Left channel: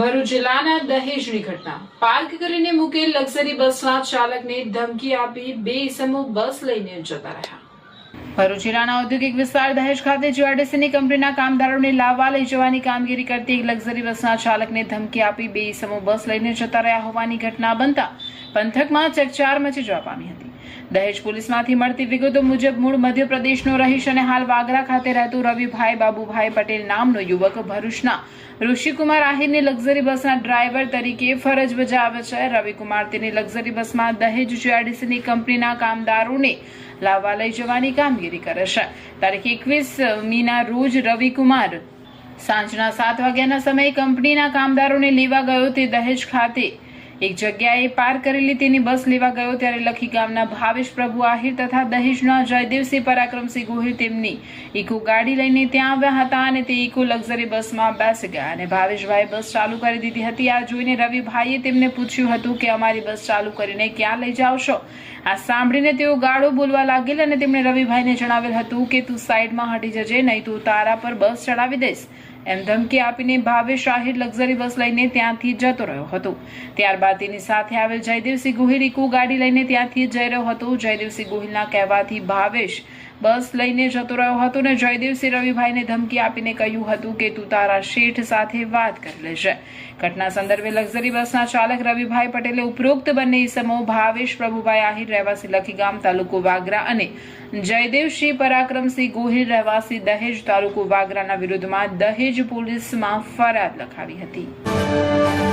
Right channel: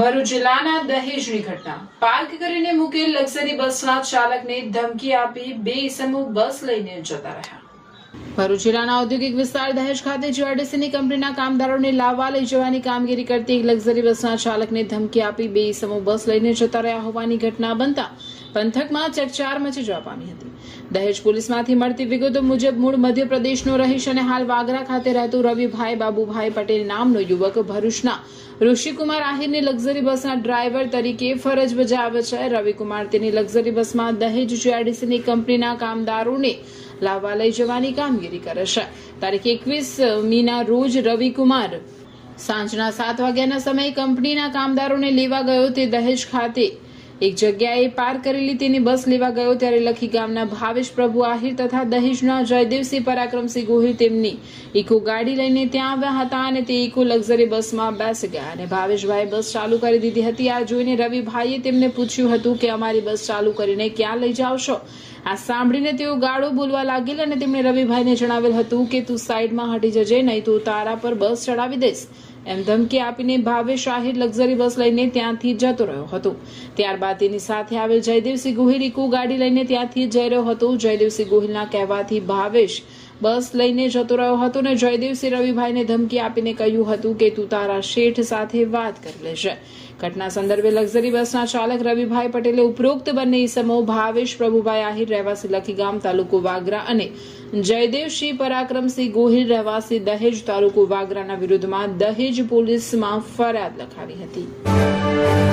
ભરૂચ જિલ્લાના દહેજની ઘટના પાર્ક કરીને મૂકેલ લક્ઝરી બસના ચાલકને ધમકી આપી બે ઇસમો બસ લઈને જતા રહ્યા। ભરૂચ જિલ્લાના ઔદ્યોગિક વિસ્તાર દહેજ ખાતે જીઆરડીસીની કંપનીના કામદારોને લાવવા લઈ જવાની કામગીરી કરતી એક લક્ઝરી બસના ચાલકને ધમકી આપી બે ઇસમો બસ લઈને જતા રહ્યા હોવાની ઘટના બનતા પંથકમાં ચકચાર મચી જવા પામી હતી। દહેજ પોલીસમાંથી મળતી વિગતો મુજબ મૂળ મધ્યપ્રદેશનો રહીશ અને હાલ વાગરા ખાતે રહેતો રવિભાઈ બાબુભાઈ પટેલ નામનો યુવક ભરૂચના ઋષિકુમાર આહિરની લક્ઝરી બસના ડ્રાઈવર તરીકે ફરજ બજાવે છે। રવિકુમાર તેની લક્ઝરી બસમાં દહેજ જીઆરડીસીની કંપનીના કામદારોને લાવવા લઈ જવાની કામગીરી કરે છે। તારીખ 21 મીના રોજ રવિકુમાર સાંજના 7 વાગ્યાના સમયે કંપનીના કામદારોને લેવા ગયો। તે દહેજ ખાતે એક જગ્યાએ પાર્ક કરેલી તેની બસ લેવા ગયો ત્યારે લખી ગામના ભાવેશ પ્રભુ આહિર તથા દહેજના જયદેવસિંહ પરાક્રમસિંહ ગોહિલ તેમની ઇકો ગાડી લઈને ત્યાં આવ્યા હતા અને તે ઇકો લક્ઝરી બસમાં બેસી ગયા અને ભાવેશભાઈએ બસ ચાલુ કરી દીધી હતી। આ જોઈને રવિભાઈએ તેમને પૂછ્યું હતું કે અમારી બસ ચાલુ કરીને ક્યાં લઈ જાવ છો? આ સાંભળીને તેઓ ગાળો બોલવા લાગેલ અને તેમણે રવિભાઈને જણાવેલ હતું કે તું સાઈડમાં હટી જજે, નહીં તો તારા પર બસ ચડાવી દઈશ એમ ધમકી આપીને ભાવેશ આહિર લક્ઝરી બસ લઈને ત્યાંથી જતો રહ્યો હતો। ત્યારબાદ તેની સાથે આવેલ જયદેવસિંહ ગોહિલ ઇકો ગાડી લઈને ત્યાંથી જઈ રહ્યો હતો। જયદેવસિંહ ગોહિલના કહેવાથી ભાવેશ બસ લઈને જતો રહ્યો હતો અને જયદેવસિંહ રવિભાઈને ધમકી આપીને કહ્યું હતું કે તું તારા શેઠ સાથે વાત કરી લેશે। ઘટના સંદર્ભે લક્ઝરી બસના ચાલક રવિભાઈ પટેલે ઉપરોક્ત બંને ઇસમો ભાવેશ પ્રભુભાઈ આહિર રહેવાસી લખીગામ તાલુકો વાગરા અને જયદેવસિંહ પરાક્રમસિંહ ગોહિલ રહેવાસી દહેજ તાલુકો વાગરાના વિરુદ્ધમાં દહેજ પોલીસમાં ફરિયાદ લખાવી હતી।